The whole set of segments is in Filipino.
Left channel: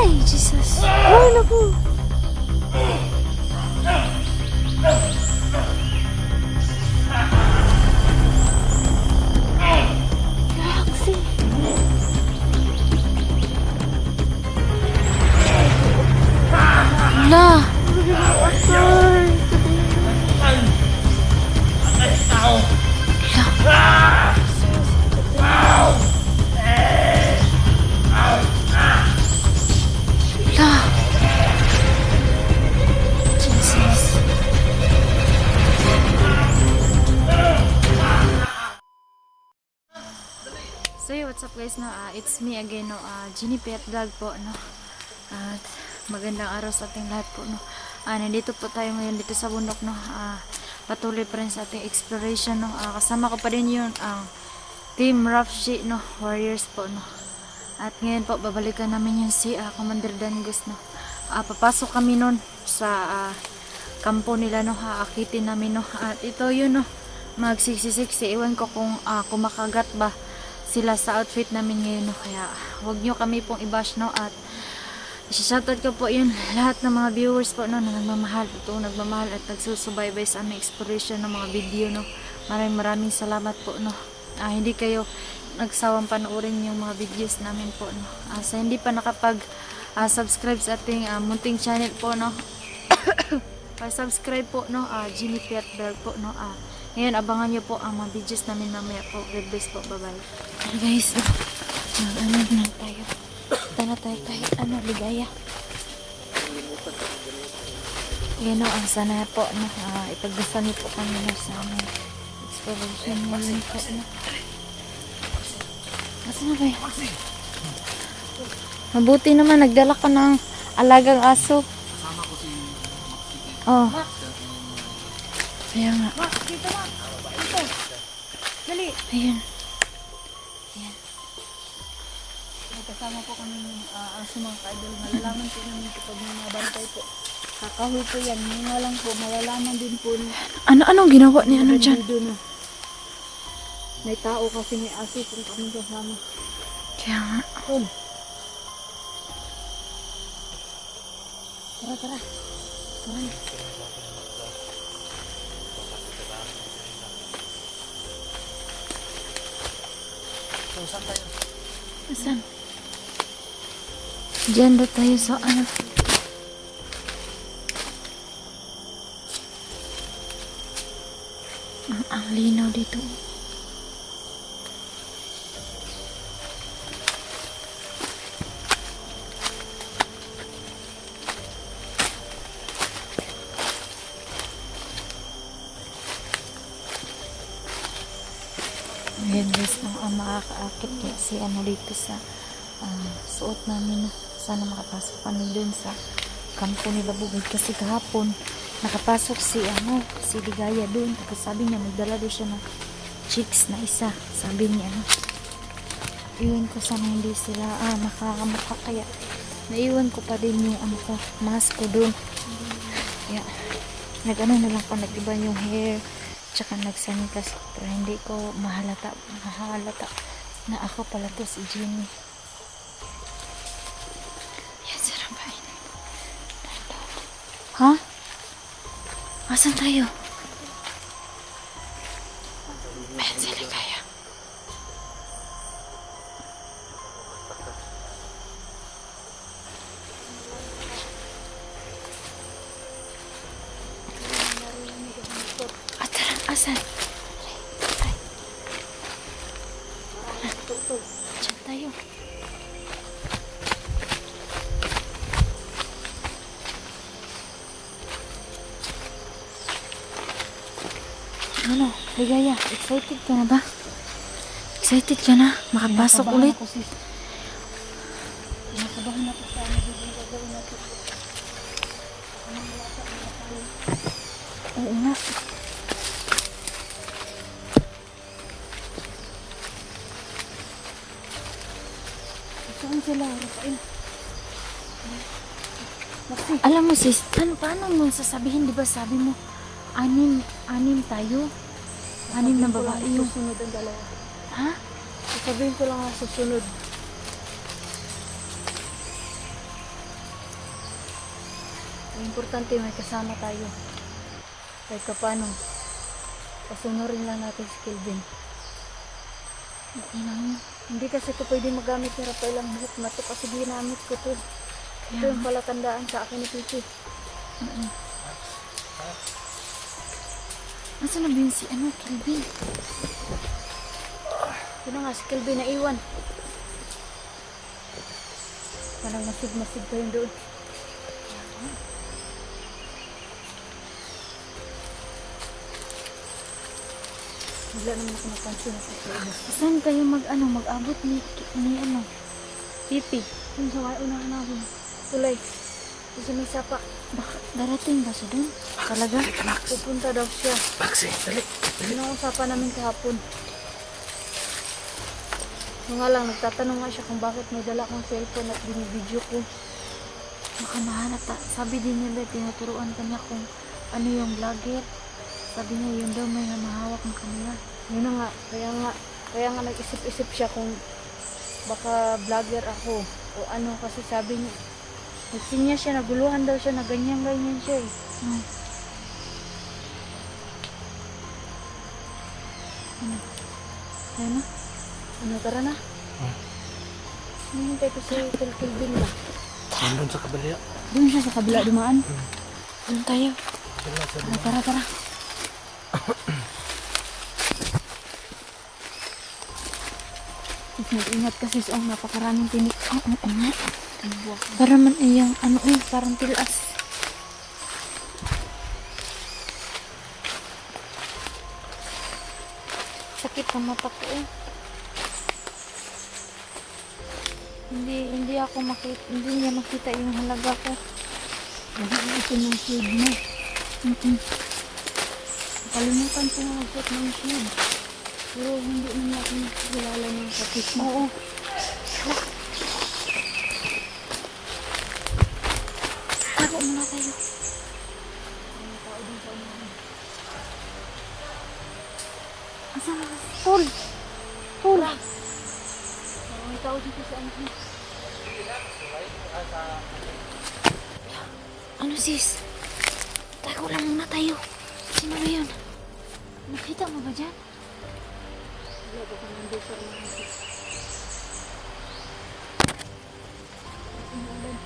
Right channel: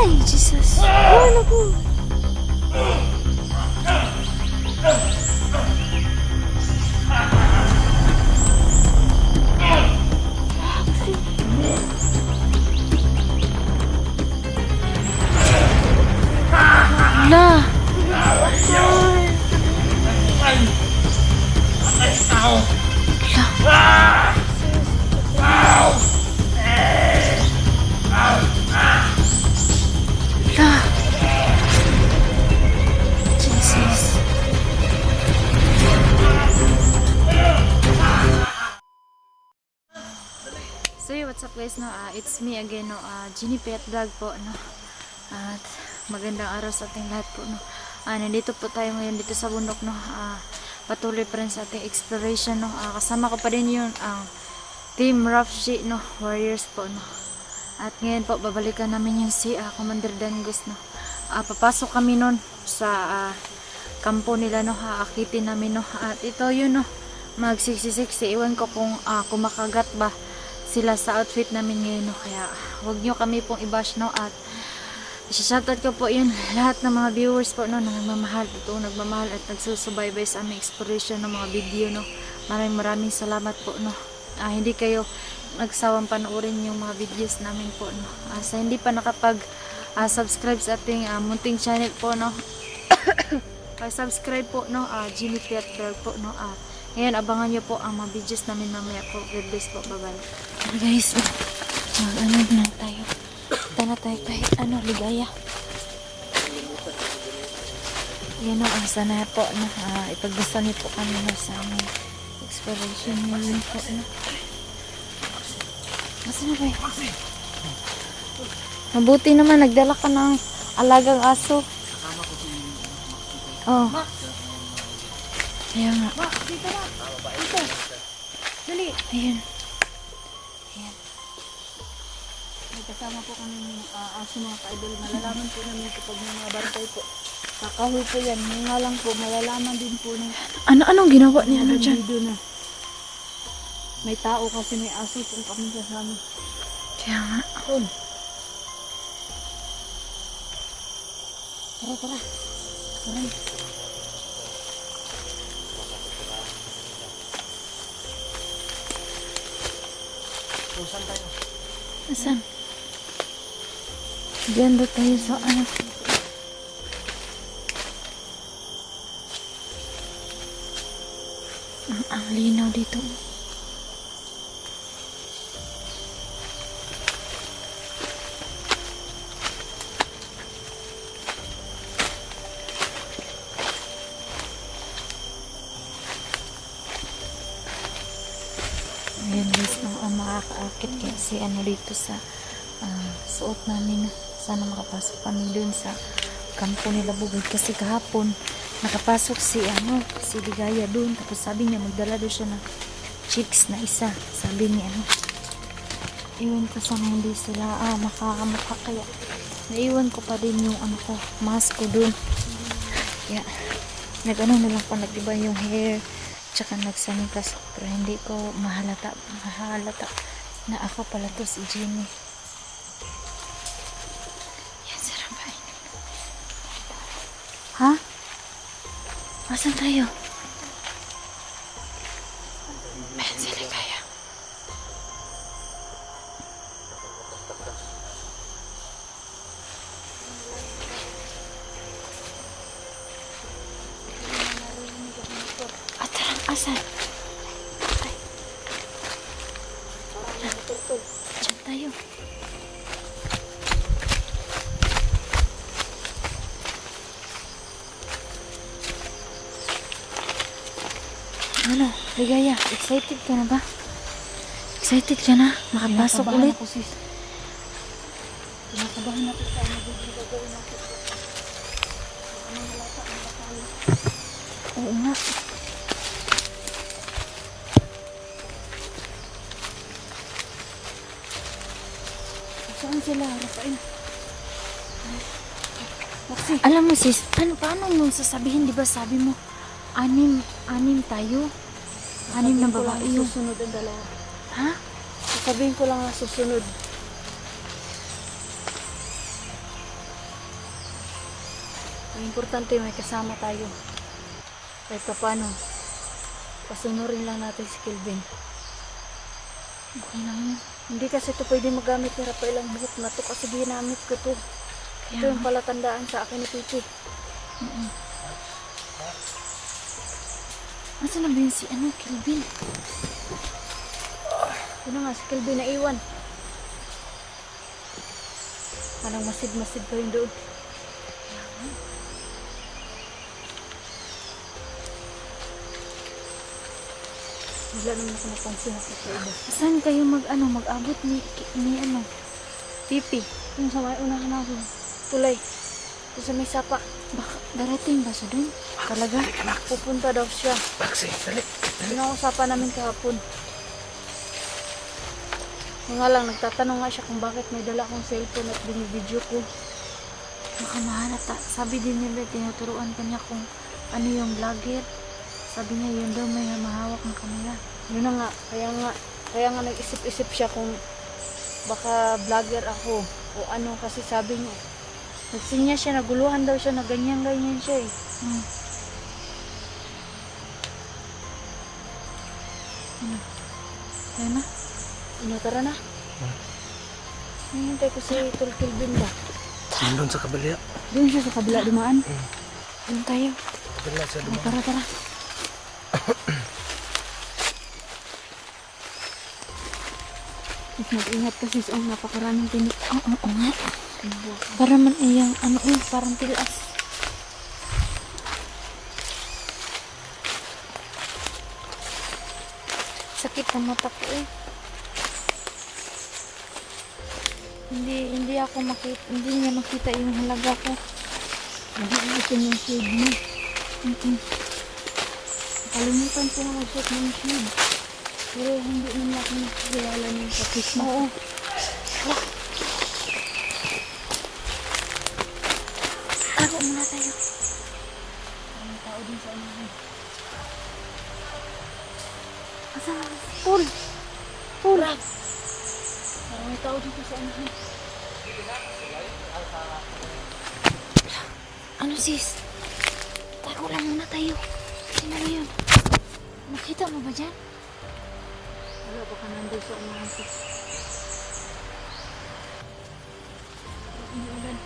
Ay, Jesus. Ay, naku. Galaxy. Lah. Lah. Jesus. So hey, what's up guys, no? It's me again, no? Ginny Pet Vlog po, no? At magandang araw sa ating lahat po, no? Nandito po tayo ngayon dito sa bundok, no? Patuloy pa rin sa ating exploration, no? Kasama ko pa rin yun ang Team Rafji, no? Warriors po, no? At ngayon po, babalikan namin yung si Commander Dangos, no? Papasok kami nun sa kampo nila, no? Akitin namin, no? At ito yun, no? Magsiksi-siksi. Iwan ko kung kumakagat ba sila sa outfit namin ngayon, no? Kaya huwag nyo kami pong i-bash, no? At shoutout ko po yun lahat ng mga viewers po, no? Na nagmamahal, totoong nagmamahal at nagsusubaybay sa aming exploration ng mga video, no? Maraming salamat po, no? Hindi kayo nagsawang panoorin yung mga videos namin po, no? Sa hindi pa nakapag subscribe sa ating munting channel po, no? Pa-subscribe po, no? Ginny Pet Vlog po, no? Ngayon abangan nyo po ang mga videos namin mamaya po. God bless po, bye bye. Guys, mag-ano na tayo. Tara tayo kahit ligaya. Yan o, ang sana po na ipagdasal niyo po kami na sa aming exploration ngayon po, no? Masa na ba yun? Mabuti naman, nagdala ka ng alagang aso. Oh. Kaya nga. Dito ma. Dito. Dali. Ayun. Ayan. Kasama po kami ng aso mga ka-idol. Malalaman po namin kapag may mga bantay po. Kakahoy po yan. Mga lang po. Malalaman din po ni Anong ginawa niya dyan? No. May tao kasi may aso kung kami kasama. Kaya nga. Yun. Tara, tara. Tara. Saan? Diyan ba tayo sa ang linaw dito. Ayan guys, makakaakit kasi dito sa suot namin, no? Sana makapasok kami dun sa kampo nila Bugid kasi kahapon nakapasok si Ligaya dun, tapos sabi niya magdala doon siya ng chicks na isa, sabi niya iwan ko sana hindi sila makakamukha, kaya naiwan ko pa din yung mask ko dun, kaya na lang pa, nag-iba yung hair tsaka nagsanitas pero hindi ko mahalata na ako pala to si Jenny. Yan, sarap ba? Ha? Asan tayo? Ayan, sila kaya. Asan? Diyan tayo. Ligaya, excited ka na ba? Excited ka na? Makapasok ulit? Ako, sis. Nakabahan ako sa biglang gagawin ako. Oo nga. Saan sila? Rafael? Alam mo sis, paano mo sasabihin, di ba sabi mo, anim tayo? 6 na babae yung... Susunod ang dalawa. Ha? Sasabihin ko lang susunod. Ang importante may kasama tayo. Kahit pa paano, pasunurin lang natin si Kelvin. Okay lang yun. Hindi kasi ito pwede magamit pero pa ilang buhok na ito kasi ginamit ko ito. Kaya Ito yung nga. palatandaan sa akin ni Pipi. Nasaan na ba yun si Kelvin? Ano nga si Kelvin na iwan. Parang masid-masid pa yun doon. Wala naman ako napansin ako sa iba. Saan kayo mag-abot ni Pipi? Yung sa may unahan natin, tulay. Yung sa may sapa, Baka darating ba siya doon? Talaga? pupunta daw siya. Maxi, dali. Pinausapan namin kahapon. Yung nga lang, nagtatanong nga siya kung bakit may dala akong cellphone at binibidyo ko. Baka mahanap sabi din nila, tinuturuan kanya kung ano yung vlogger. Sabi niya yun daw may mahawak ng camera. Yun na nga, kaya nga nag-isip-isip siya kung baka vlogger ako o ano kasi sabi niya. Nagsinya siya, naguluhan daw siya, na ganyan-ganyan siya eh. Hmm. Ayan na. Ano, tara na. Hinintay ko si Tol Kelvin ba? Nandun sa kabila. Doon siya sa kabila dumaan. Doon tayo. Kabila sa dumaan. Tara, tara. Mag-ingat kasi sa napakaraming tinik. Oo nga. Ay, buwak. Para man iyang parang tilas. Sakit na mata ko eh. Hindi ako makita, hindi niya makita yung halaga ko. Nag-iitin ng shade mo. Kalimutan ko nga i-set ng shade. Pero hindi naman ako nakakilala ng kapit mo. Oo. Tago muna tayo. May tao din sa ano. Asa na? Paul! Paul! May tao dito sa ano. Ano sis? Tago lang muna tayo. Sino na yun? Nakita mo ba dyan? Wala ba ka nandun sa ano. Umuulan.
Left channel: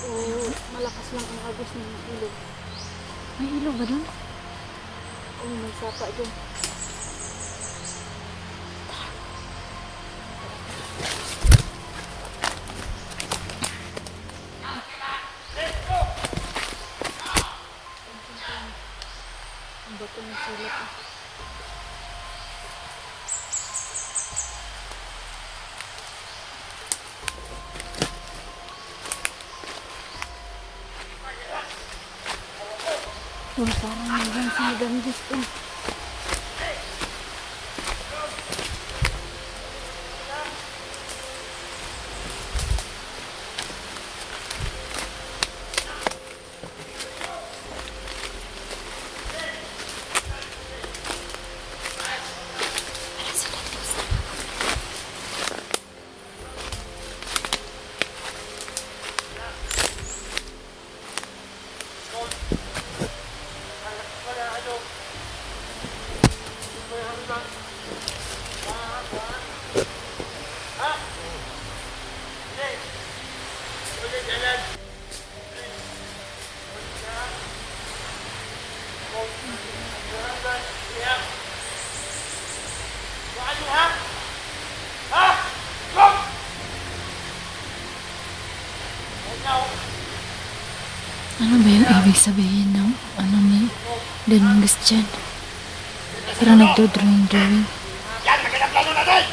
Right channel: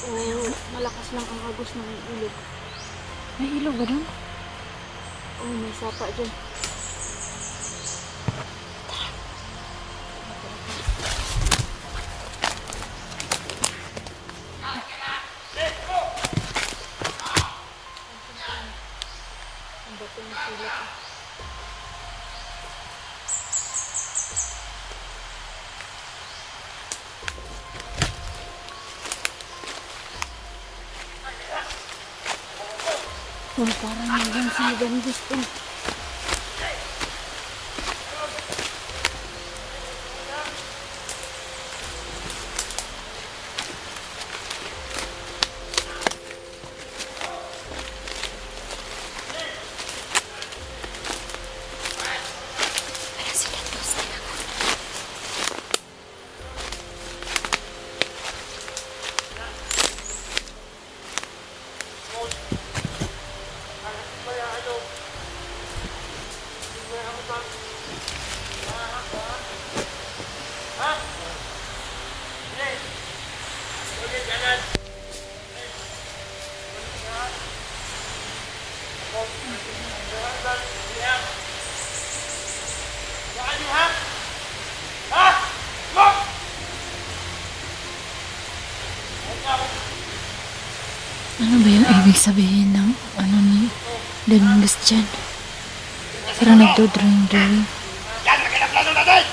Oo, malakas lang ang agos ng ilog. May ilog ba dun? Oo, may sapa dyan. Ang bato ng silip. Parang hanggang sa Ganges to. Para sila to sa Ano ba yung ibig sabihin ng ni Dominguez dyan? Parang nagdo-drawing. Yan, magandang plano natin!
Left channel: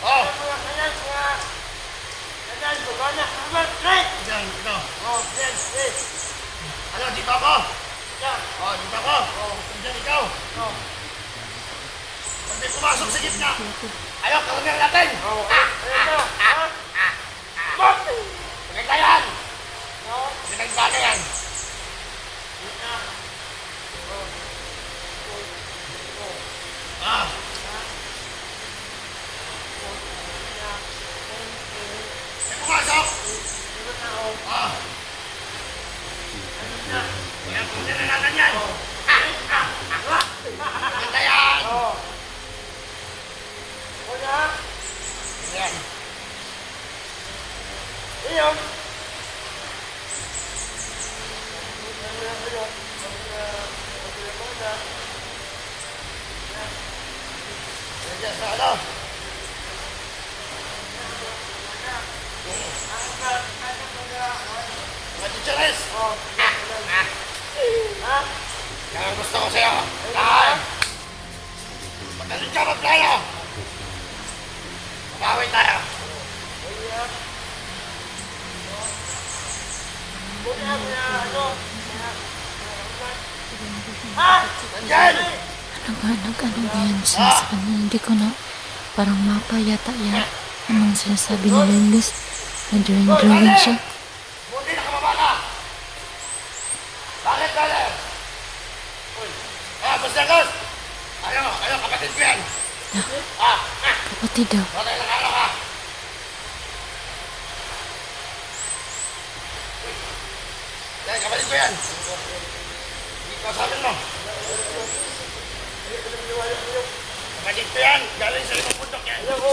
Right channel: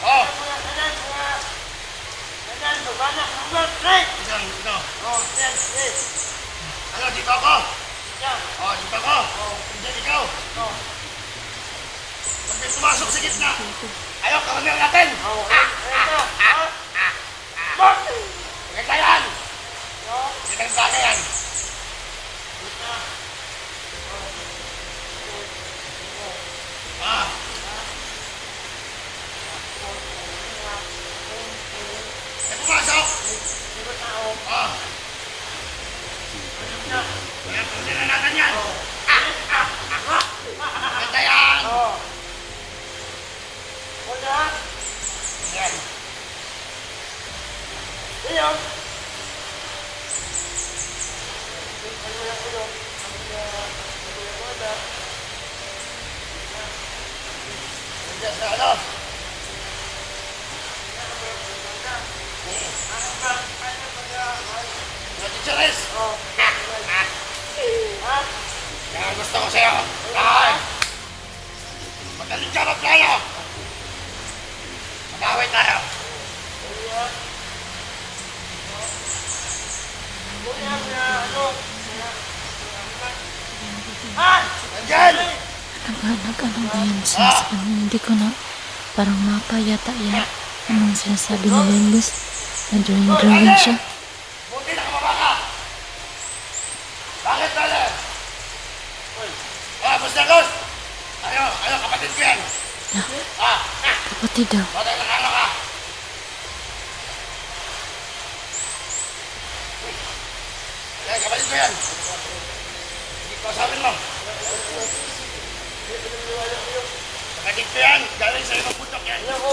Oh! Yan, ito. Ano, dito ako? Oh, dito ako. Diyan ikaw. Pag may pumasok sa gitna, ayaw, kawalan natin! Maganda yan! Magandang bagay yan! Ah! Ah. Kaya kunin na natin yan. Ganda yan. Yan. Iyon. Nandiyan sa ano? Mga chicharis. Yan ang gusto ko sa'yo. Kain. Magaling ka magplano. Mabawi tayo. Nandiyan! Ano ba yan siya sa kanya? Hindi ko na parang mapa yata yan. Anong sinasabi ni Lingus? Na drawing siya. Buti nakababa ka! Bakit dali? Basta Gus! Ano, kapatid ko yan! Kapatid daw. Bakit nakano ka? Yan, kapatid ko yan! Hindi ko sabihin mo! Kapatid ko yan! Galing sa ibang bundok yan! Ayoko!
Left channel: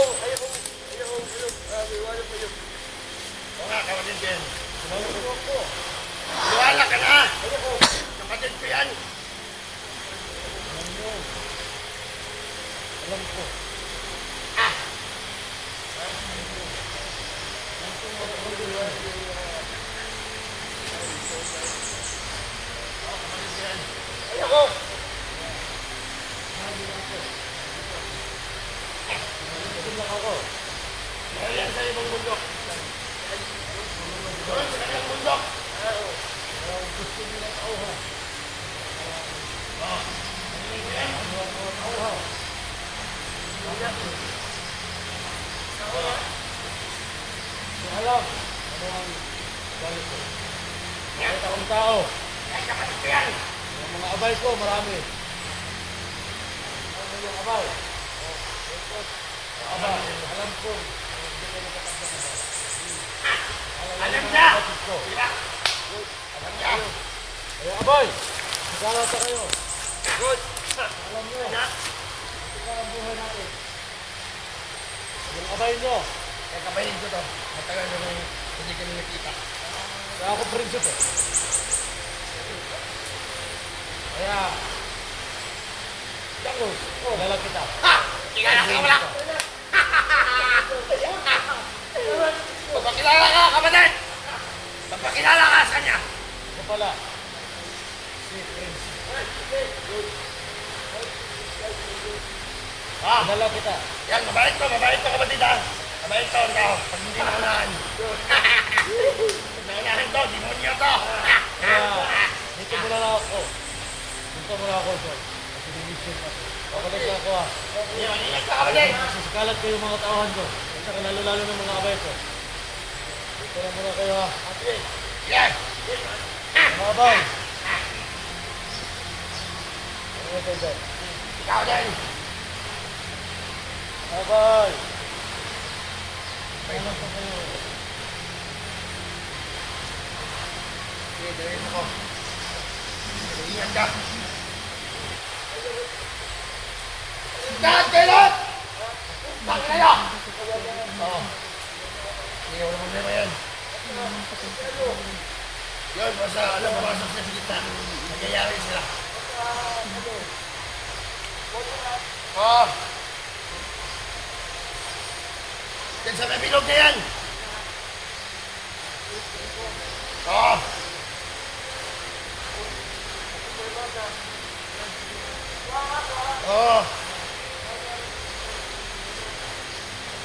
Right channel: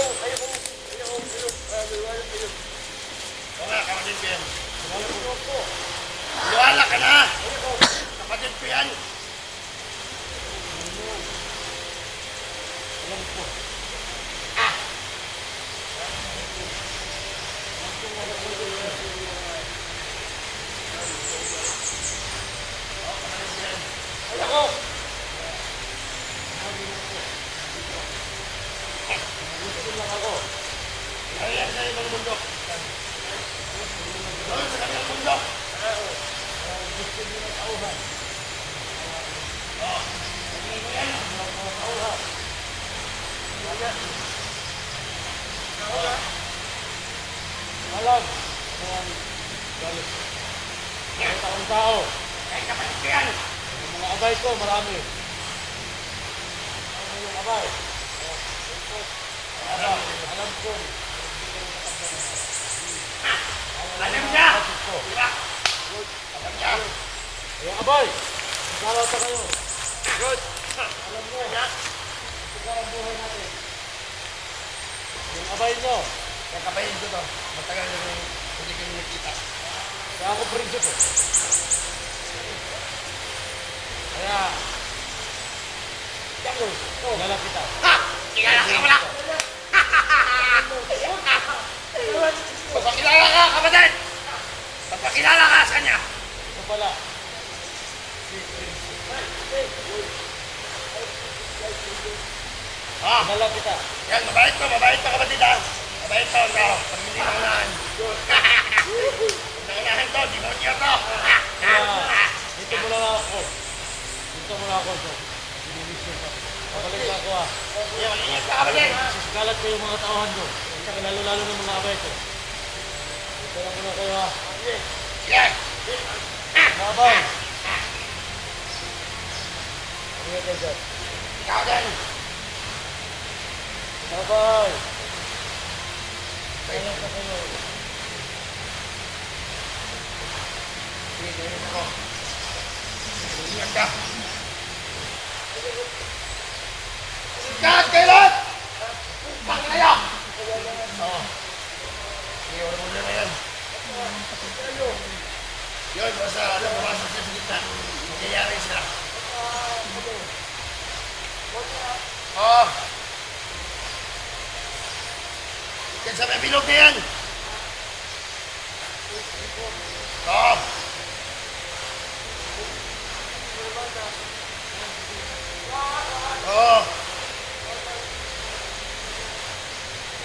Oo nga, kapatid ko yan! Luwala ka na! Kapatid ko yan! Alam ko. Kapatid ko yan! Ayoko! Lang ako. Ayan sa ibang bundok! Doon sa kabilang bundok! Gusto niyo ng tauhan. Kapatid ko yan! Ano ang mga tauhan? Hindi alam ano ang galit ko. Kahit akong tao. Yan, kapatid ko yan! Ang mga abay ko, marami. Ano yung abay? Alam ko, hindi ko nakatagda ng bala. Alam niya! Kapatid ko. Di ba? Alam niya! Kaya abay, magkalata kayo. Good! Alam nyo, ito ka ang buhay natin. Yung abay nyo, Kaya kabayin ko to. Matagal na rin hindi kami nakita. kaya ako prinsipe. Kaya, Jangos, kilala kita. Ha! Kikala ka wala! Magpakilala ka, kapatid! Magpakilala ka sa kanya! Ito pala, si Prinsipe. Ah! Kilala kita. Yan, mabait to kapatid ha! Mabait to, ikaw. Pag hindi naunahan. Pag naunahan to, demonyo to! Kaya, dito mo na ako. Dito mo na ako ito. Kasi division ako. Babalik na ako ha. Yan, mag-ingat ka kapatid! Sisikalat ko yung mga tauhan ko. At saka lalo-lalo ng mga abay ko. Dito na muna kayo ha. Yan! Mga abay. Ano nga tayo dyan? Ikaw din! Mga abay. Kaya lang pa kayo. Sige, gawin ako. Ingat ka! Ingat kayo lahat! Bang kayo! Oo. Sige, wala problema yan. Yun, basta alam, pumasok sila sa gitna. Nagyayari sila. Oo. Yan sa may bilog na yan. Oo. Oo.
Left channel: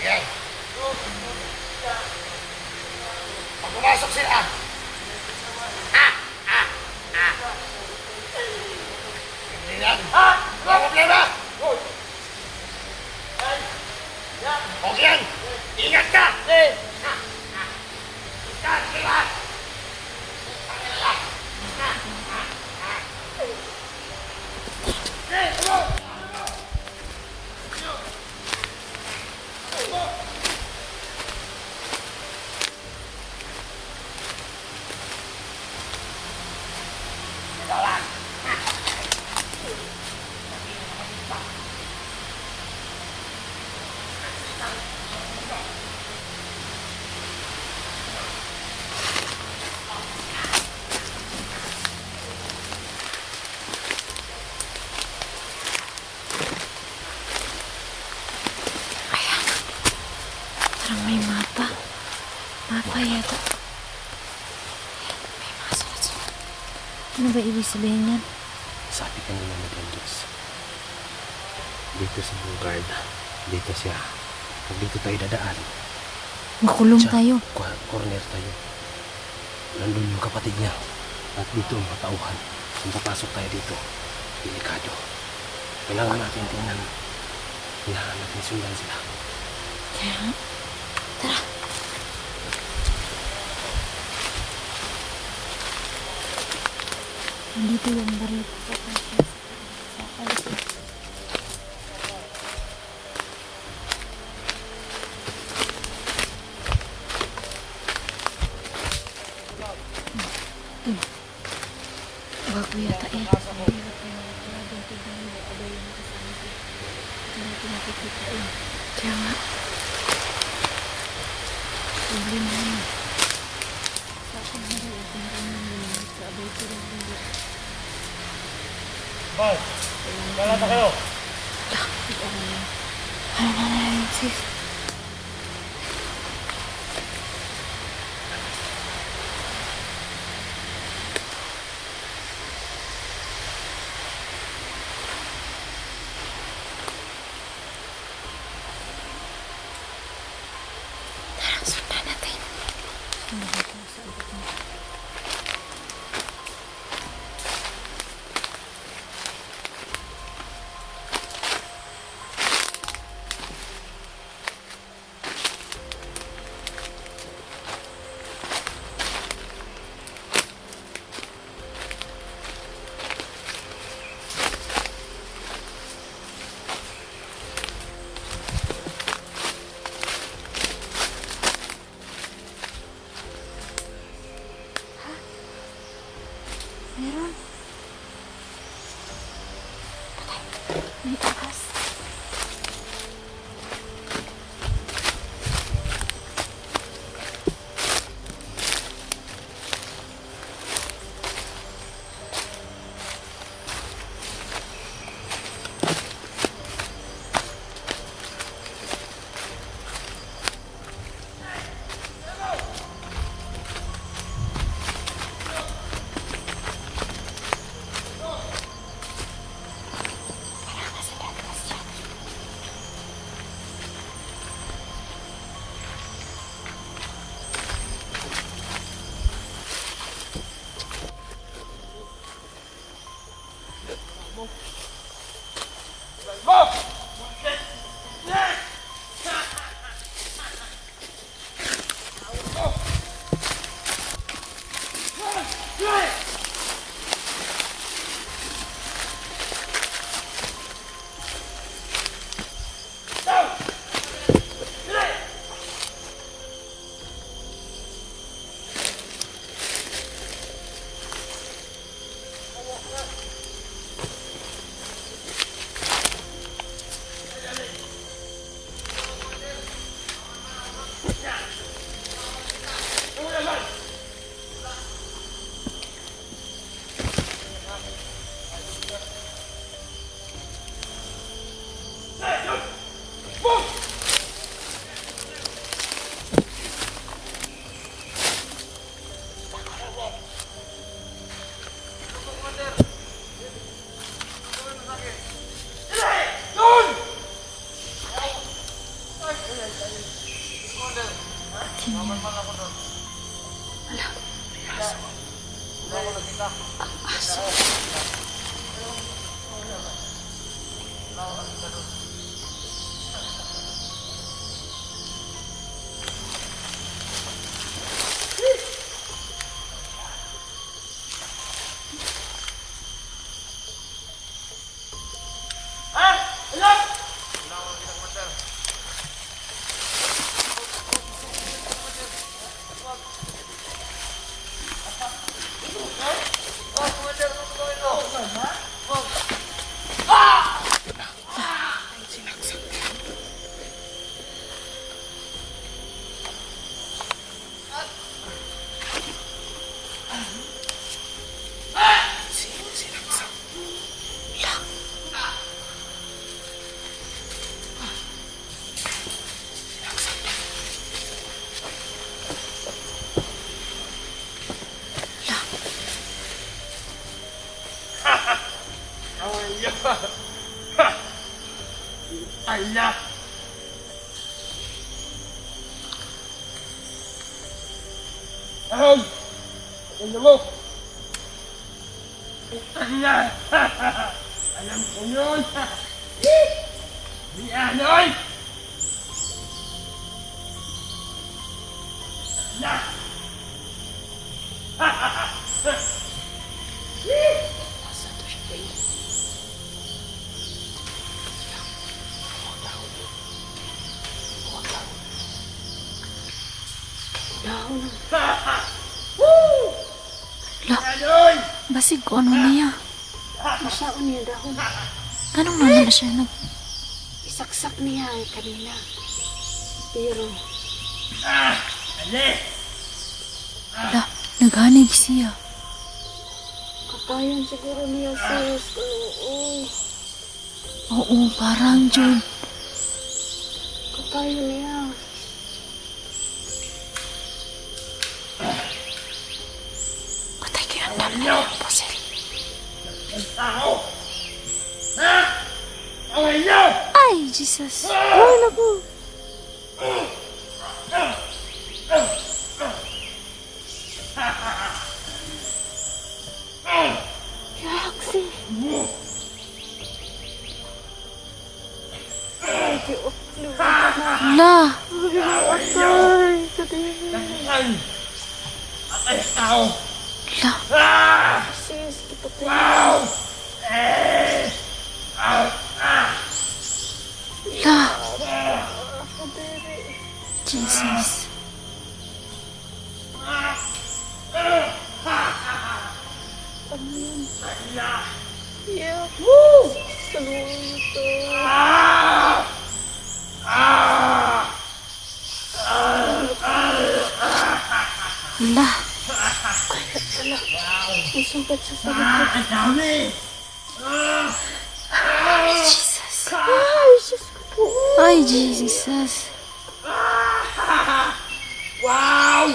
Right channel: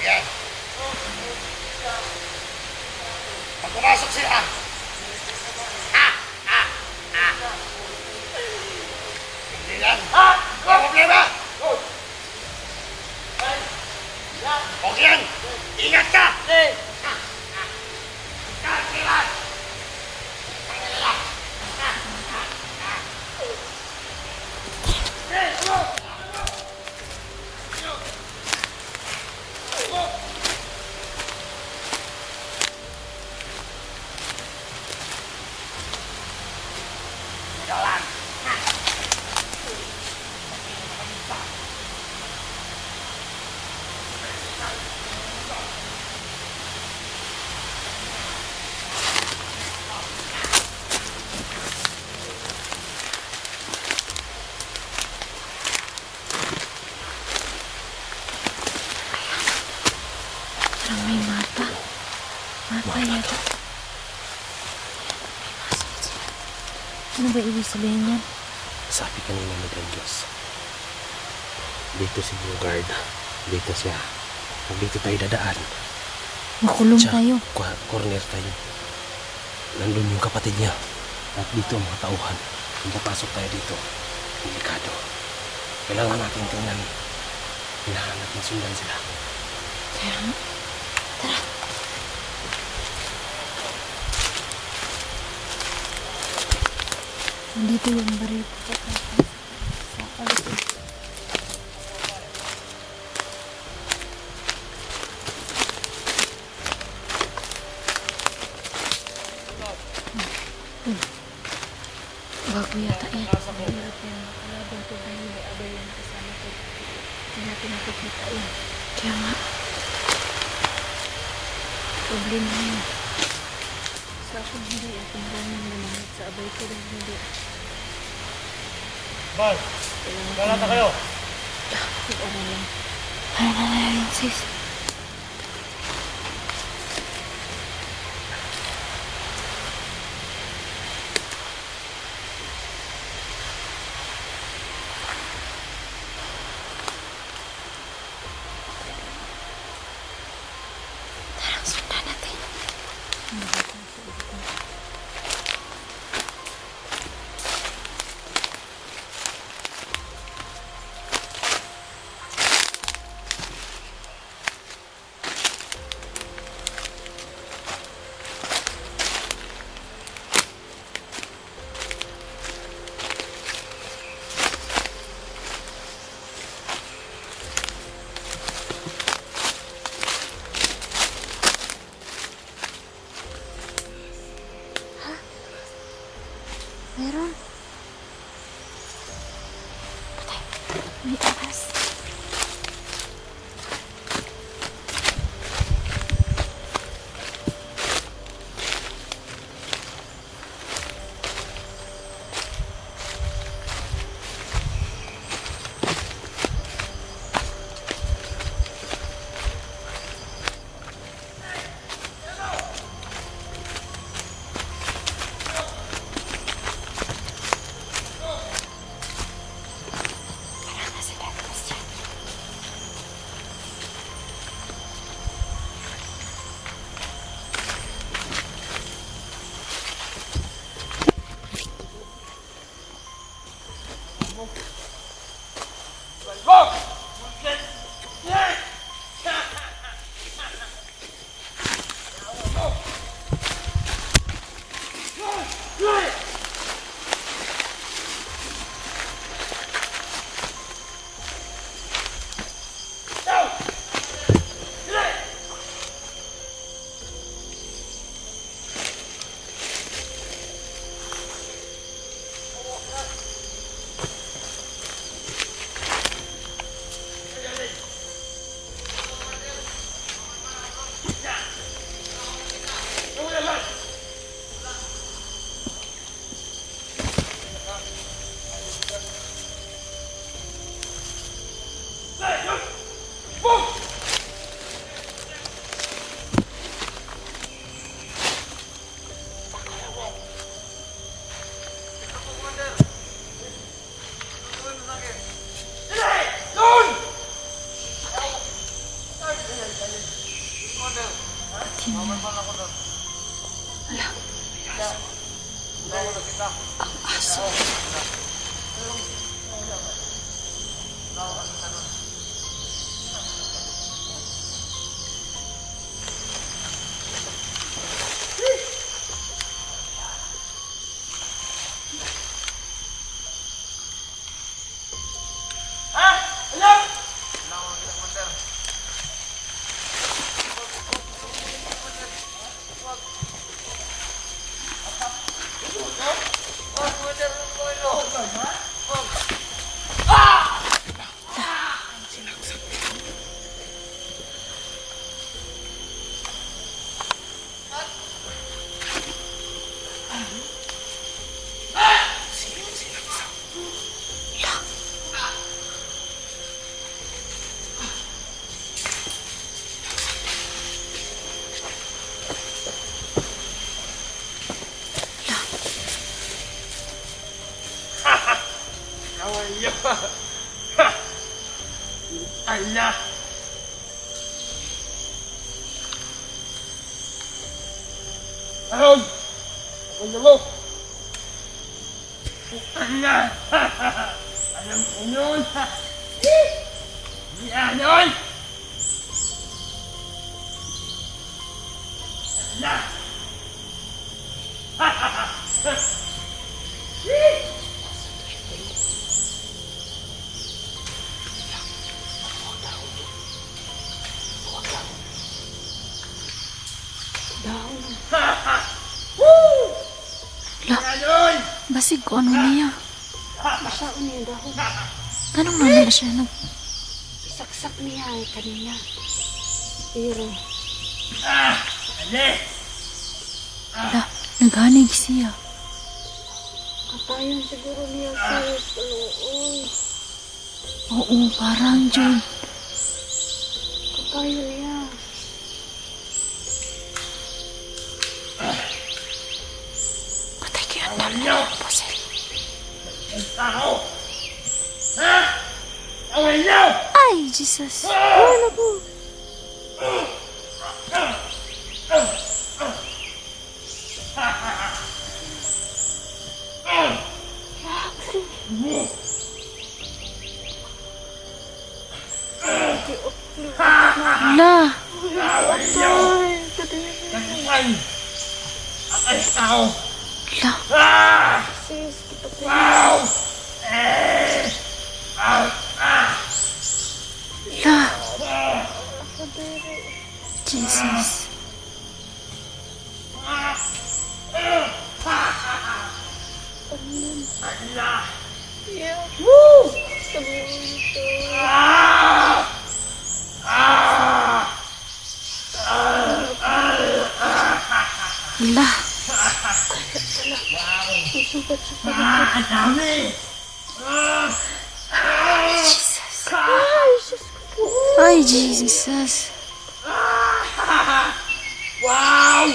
Yan. Pag pumasok sila, hindi yan. Wala problema. Okay yan. Ingat ka. Ingat sila. Parang may mata. Mata yata. Ano ba ibig sabihin yan? Sabi kanina ni Don Diyos, dito si Bugard, dito siya. Kung dito tayo dadaan, Makulong tayo. corner tayo. Nandun yung kapatid niya. At dito ang mga tauhan. Kung papasok tayo dito, delikado. Kailangan natin tingnan. Kailangan natin sundan sila. Kaya nga. Tara. Nandito yung barito sa taas. Sa alis. Bago yata eh. Kaya nga. Problema yun. Bal, galata kayo. Ano na rin sis? Tara, sundan natin. Meron. Patay. May ahas. Allah! Ahon! Ano mo? Allah! Alam ko yun! Di Anoy! Allah! La, Anoy! basig ko ano niya. Masaon niya dahon. Anong nana siya nag... Isaksak niya ay kanina. Pero, Ale! La, naghanig siya. katayan siguro niya sa oo. Oo, parang Jud. Katayan niya. Patay kayo ang dami niya, Posel. Ang tao! Ha? Away niyo! Ay, Jesus. Ay, naku. Yaksi. La, Away niyo! Ay, kadiri. Tangan! At ay tao! la, Ah! Sis, kipatay. Wow! Eh! Ah! Ah! la. Kadiri. Jesus. Allah! Yeah. Woo! Ito. Ah! Ah! La, Isugat sa sarili. Ah! Ang dami! Ah! Jesus. Ay, sis ko po. Ay, Jesus. Wow!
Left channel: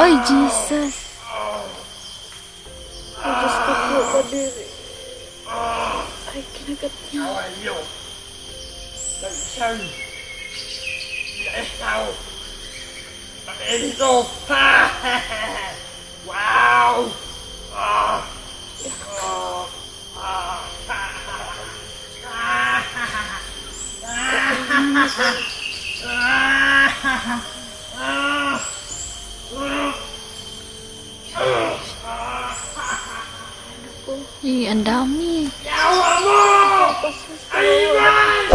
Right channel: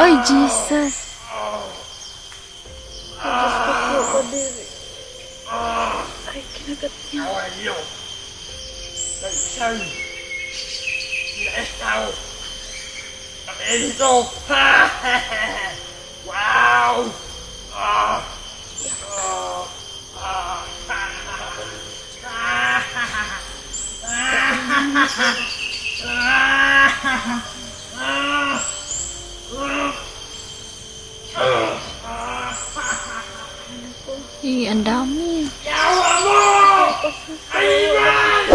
Ay, Jesus. Diyos ko po, kadiri. Ay, kinagat niya. Away niyo! Nag-isang naestaw! Nag-edito! Wow! Ah! Ah! Ah! Eh, ang dami. Yawa mo! Ayman!